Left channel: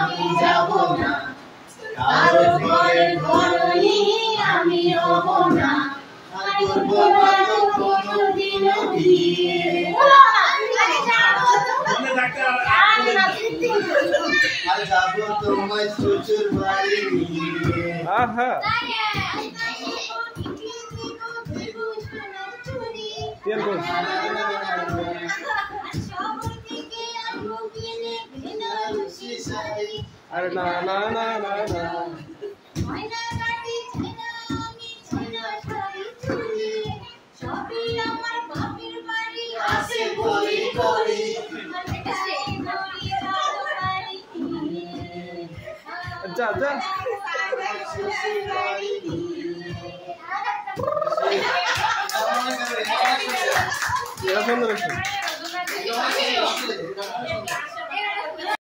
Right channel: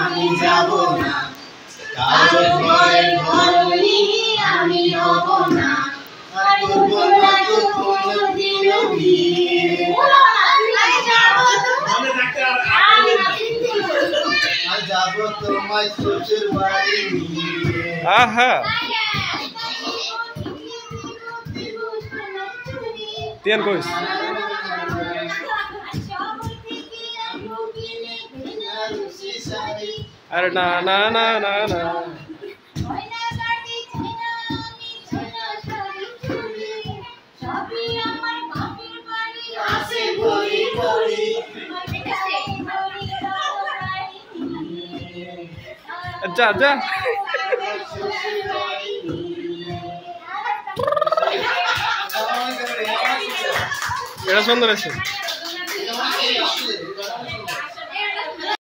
আমি যাব না, কারো ঘরের ঘরণী আমি হব না, করব না তো কোনোদিনও বিয়ে। আর যাব তোমায় শ্বশুর বাড়ি নিয়ে। আহা তেন কইস আরে না না না না না যা যা এটা সুন্দর আছে।